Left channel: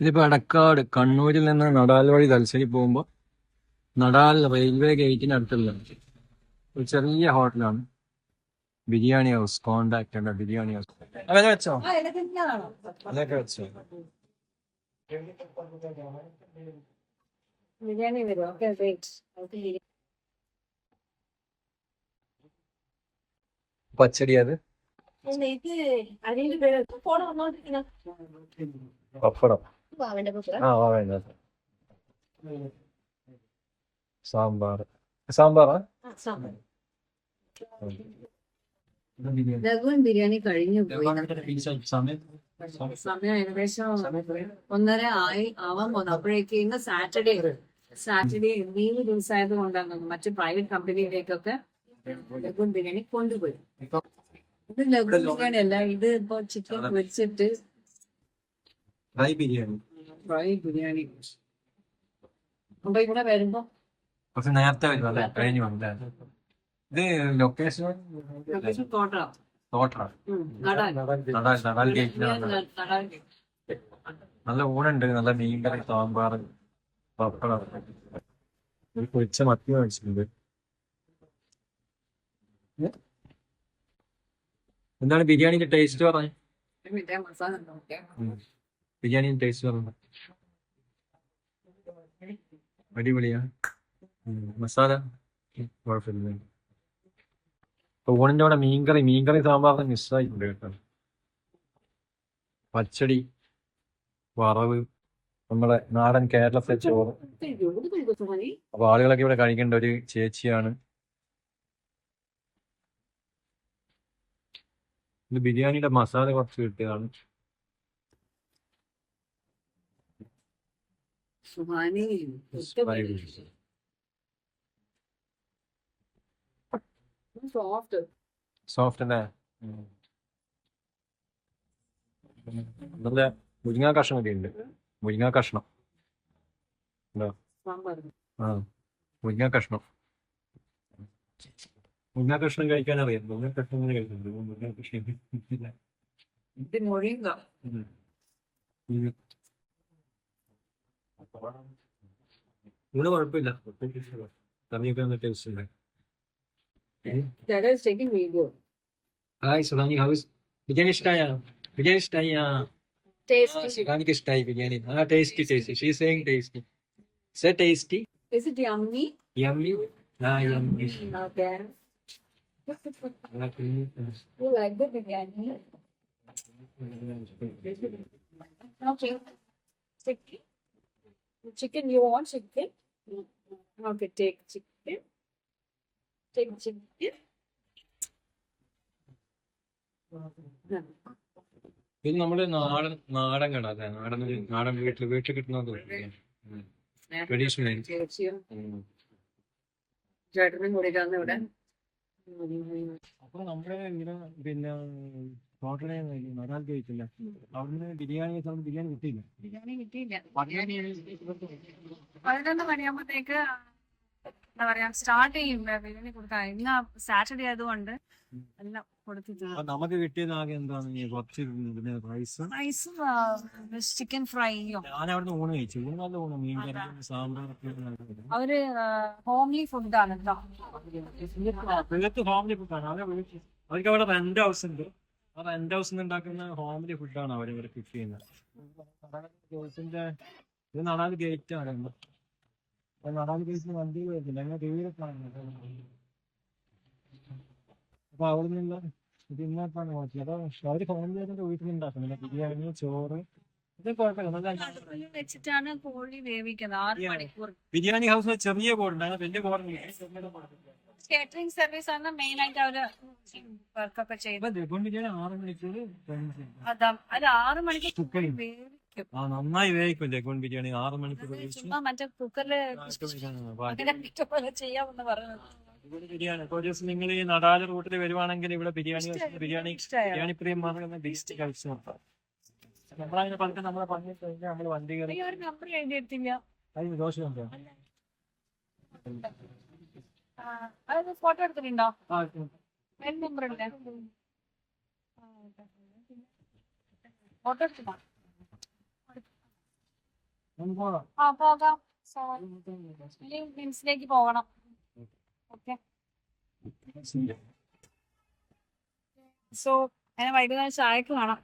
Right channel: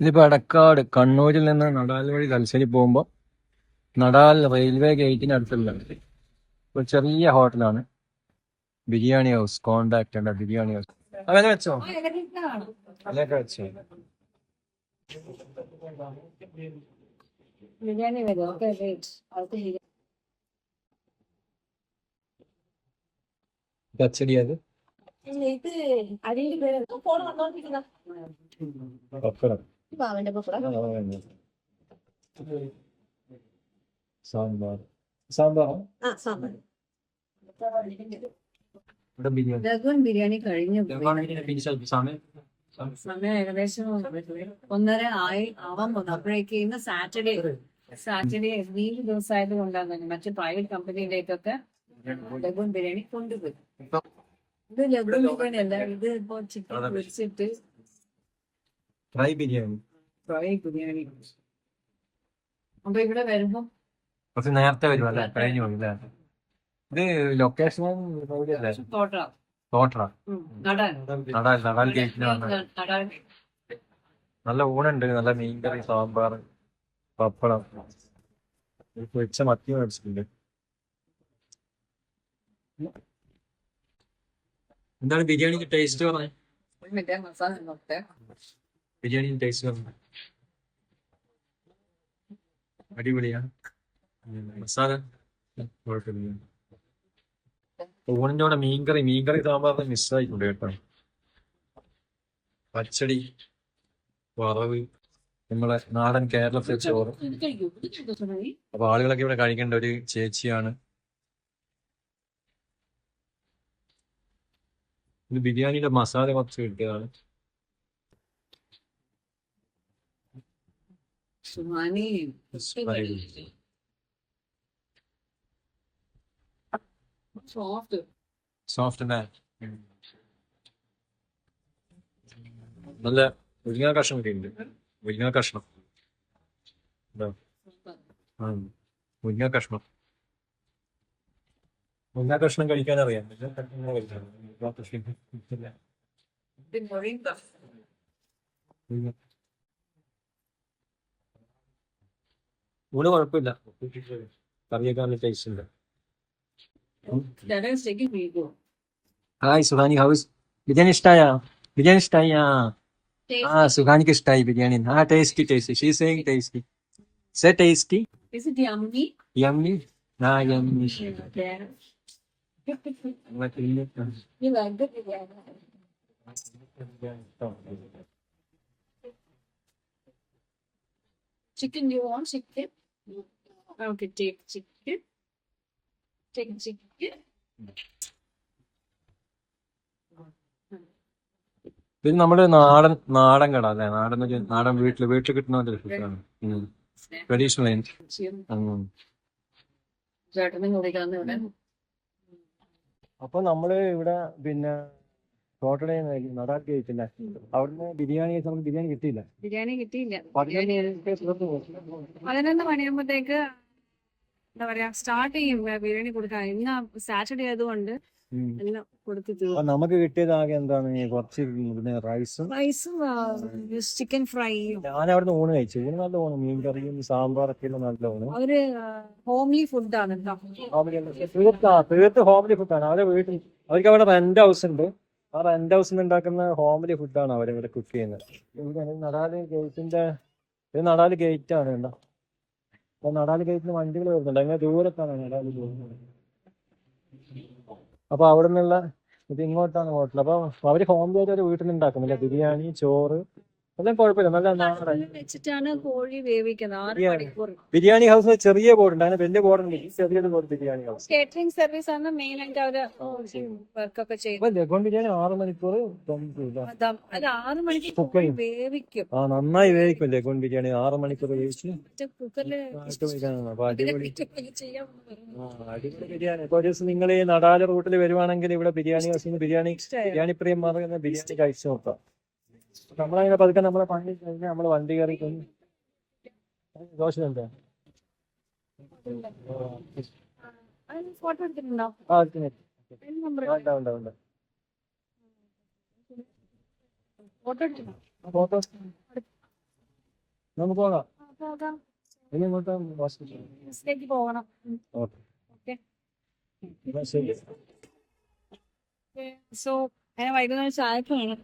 ഇതിപ്പോ എടക്കാട് കണ്ണൂരിൽ നിന്ന് നടാൽ വഴി തലശ്ശേരി പോകുമ്പോ നടാൽ റെയിൽവേ ഗേറ്റിന് അടുത്തുള്ള ഒരു ചെറിയ ഹോട്ടലാണ്. ബിരിയാണി ഹൗസ് കോണ്ടാക്ട് ഉണ്ട് ബിരിയാണി ഹൗസ്. അങ്ങനെ വെച്ചോ? അങ്ങനെയൊക്കെ വെച്ചോ? പച്ചടി അത്? പപ്പടം. സാമ്പാർ. സാമ്പാറാ? ഇവിടെ ബിരിയാണി. കഴിഞ്ഞു സമയം? ഏകദേശം ഒന്നര ആയി ആവാൻ പോന്നു. അപ്പോഴേക്ക് ഇന്ന് സാറ്റർഡേ. സാറ്റർഡേ ലീവ് ദിവസമായത് കൊണ്ടാണ് മറ്റു പ്രൈവറ്റ് കമ്പനിയിലേക്കൊക്കെ ലഘുവൻ ബിരിയാണി കൊണ്ടുപോയി. ഇത് ലഘുവൻ ബിരിയാണി അല്ല ഇത് ഇപ്പൊ ചിക്കൻ. പൊരിച്ചിട്ട് ഫ്രൈ ബിരിയാണി. ഫ്രൈ ബിരിയാണി. അപ്പൊ ഇവിടെ വരുമ്പോ കുറച്ച് നേരത്തെ വരും അല്ലേ? കഴിഞ്ഞു പോകും അല്ലേ? ഇത് ലൊക്കേഷൻ തോട്ട തോട്ടറ നടാൻ. നടാൽ നടാൽ നടാൻ നല്ല ഊണുണ്ട്. നല്ല മീൻകറി സാമ്പാർ പപ്പടം. പൊരിച്ച മത്തി മേടിച്ചിട്ടുണ്ട്. എന്താണ് ബിരിയാണിന്റെ ടേസ്റ്റ് പറഞ്ഞേ? ഒരു മിനിറ്റ് മസാല ബിരിയാണിന്റെ ടേസ്റ്റ് പറഞ്ഞു അടിപൊളിയാ. മസാല? കുഴപ്പമില്ല. ഊണിന്റെ കൂടെ മീൻകറി മീൻകറി സാമ്പാറിന് മിസ്സായിട്ടുണ്ട് കേട്ടോ. പച്ചടി വറവ് നമ്മളെ നാടൻ കേരളത്തിലെ ചോറ്. അപ്പൊ ആളുകളൊക്കെ ഇവിടെ കഴിക്കേണ്ട ഒരു ചേച്ചിയാണ്. ഇത് ബിരിയാണിയുടെ മസാല കുറച്ച് കിട്ടിയതാണ്. സുഹാനി സോഫ്റ്റ് സോഫ്റ്റ് അല്ലേ? നല്ല മുരിങ്ങാ കഷ്ണം ഒക്കെ ഉണ്ട്. മുരിങ്ങാ കഷ്ണം. ആ മുരിങ്ങ കഷ്ണം. മുരിങ്ങാ കഷ്ണം കഴിക്കാൻ അറിയാം. മുരിങ്ങാ കഷ്ണം ഇങ്ങനെ കഴിക്കാൻ മുരിങ്ങാ കഷ്ണം മുരിങ്ങ. ഊണ് കുഴപ്പമില്ല കറിയൊക്കെ നല്ല ടേസ്റ്റ് ഉണ്ട് That is taking video. Hi Suhani. House biryani ഇഷ്ടായ? Biryani ഇഷ്ടായ? ആ Tasty. സുഹാനിക്ക് ഇഷ്ടായി ബിരിയാണി. ആ tasty tasty she saying tasty say tasty Is it yummy? Yummy ആ yummy Okay. You like the biryani? Okay. Chicken. You want chicken? Okay, take chicken. Take chicken. ഇത് നമ്മുടെ നാടൻ നാടൻ കട അല്ലേ നാടൻ ഒരു നാടൻ വീട്ടിൽ വീട്ടിൽ കിട്ടുന്ന ഒരു ഫുഡാണ്. ട്രഡീഷണൽ ചേട്ടനും കൂടിയിട്ടാണ് ഇവിടെ അപ്പൊ നമ്മൾ ഇവിടെ പിന്നെ ടോട്ടലേ നടാൽ കഴിച്ചില്ല. അവിടുന്ന് ബിരിയാണി കഴിച്ചാൽ നമുക്ക് ബിരിയാണി കിട്ടിയില്ല. ബിരിയാണി കിട്ടിയില്ല. പതിനൊന്ന് മണിയാകുമ്പോഴത്തേക്ക് എന്താ പറയാ സ്റ്റാർട്ട് ചെയ്യും ബിരിയാണി കൊടുക്കാൻ. ഇന്ന് സാറ്റർഡേ ആയതുകൊണ്ട് എല്ലാം കൊടുത്തു അപ്പൊ നമുക്ക് കിട്ടിയത് ആകെ എന്താണ് കുറച്ച് റൈസും റൈസും ചിക്കൻ ഫ്രൈയും ഞാൻ അവിടുന്ന് ഊണ് കഴിച്ചു. ഊണ് നല്ല ഊണ് മീൻ കറിയും സാമ്പാറൊക്കെ ഒക്കെ നല്ല ഊണ് അവർ ഹോംലി ഫുഡാണ് കേട്ടോ തീർത്ത് ഹോംലി ഫുഡാണ് അവരുടെ വീട്ടിൽ അവർക്ക് അവിടെ റെന്റ് ഹൗസ് ഉണ്ട്. ആ റെന്റ് ഹൗസിൽ നിന്ന് ഉണ്ടാക്കുന്ന ഹോംലി ഫുഡാണ് ഇവിടെ കുക്ക് ചെയ്യുന്നത്. നടാൽ ഗേറ്റിന്റെ ഇത് നടാൽ ഗേറ്റ് ആണ് എന്താ നടാൽ ഗേറ്റിന് വണ്ടികൾ വരുന്നുണ്ട്. അങ്ങനെ ദൂരത്താണ് നടാൽ പോകുന്നത്. അപ്പൊ അവിടെ നിന്നുള്ള ഇത് ഇങ്ങോട്ടാണ് ഹോട്ടൽ അപ്പൊ അവർ ഹോം ആയിട്ട് വീട്ടിൽ നിന്ന് ഉണ്ടാക്കുന്നില്ല. ബിരിയാണി ചോറ് അതെല്ലാം കുഴപ്പമില്ല. നല്ല നാടൻ വെച്ചിട്ടാണ് കോഴി വേവിക്കുന്നത്. ആറ് ബിരിയാണി. മണിക്കൂർ. ബിരിയാണി ഹൗസ് ചെറിയ ബോർഡ് ഉണ്ട് അങ്ങനെ വലിയ ബോർഡ് ചെറിയൊരു board biryani house catering service ആണ് മെയിൻ ആയിട്ട് അവർ വർക്കൊക്കെ ചെയ്യുന്നത്. ലഗോൺ ബിരിയാണി ആറ് മണിക്കൂർ അതാ. അത് ആറ് മണിക്കൂർ. വേവിക്കും. ആ നന്നായി വേവിക്കും ലഗോൺ ബിരിയാണി ആറ് മണിക്കൂർ വേവിച്ച്. മറ്റേ കുക്കറിൽ ചെയ്യാമെന്ന് പറഞ്ഞു അടിപൊളി ബിരിയാണി. ഇപ്പൊ ഒരു ദിവസം നിങ്ങൾ ഈ നടാല റൂട്ടിൽ വരുവാണെങ്കിൽ ഇവിടെ ബിരിയാണി ഹൗസ് ബിരിയാണി ബിരിയാണി പ്രിയന്മാർ ബിരിയാണി കഴിച്ചു നോക്കാം. നമ്മളങ്ങനെ പതുക്കെ നമ്മളെ പണി കഴിഞ്ഞ് നമ്മൾ വണ്ടി കയറി അത് ഫോട്ടോ എടുത്തിട്ടുണ്ടോ? നമുക്ക് പോകാം. ആ പോകാം. ഇനി ഇങ്ങോട്ട് പോകണം. ഓക്കെ. സോ അങ്ങനെ വൈകുന്നേരം ചായക്ക് കാണാം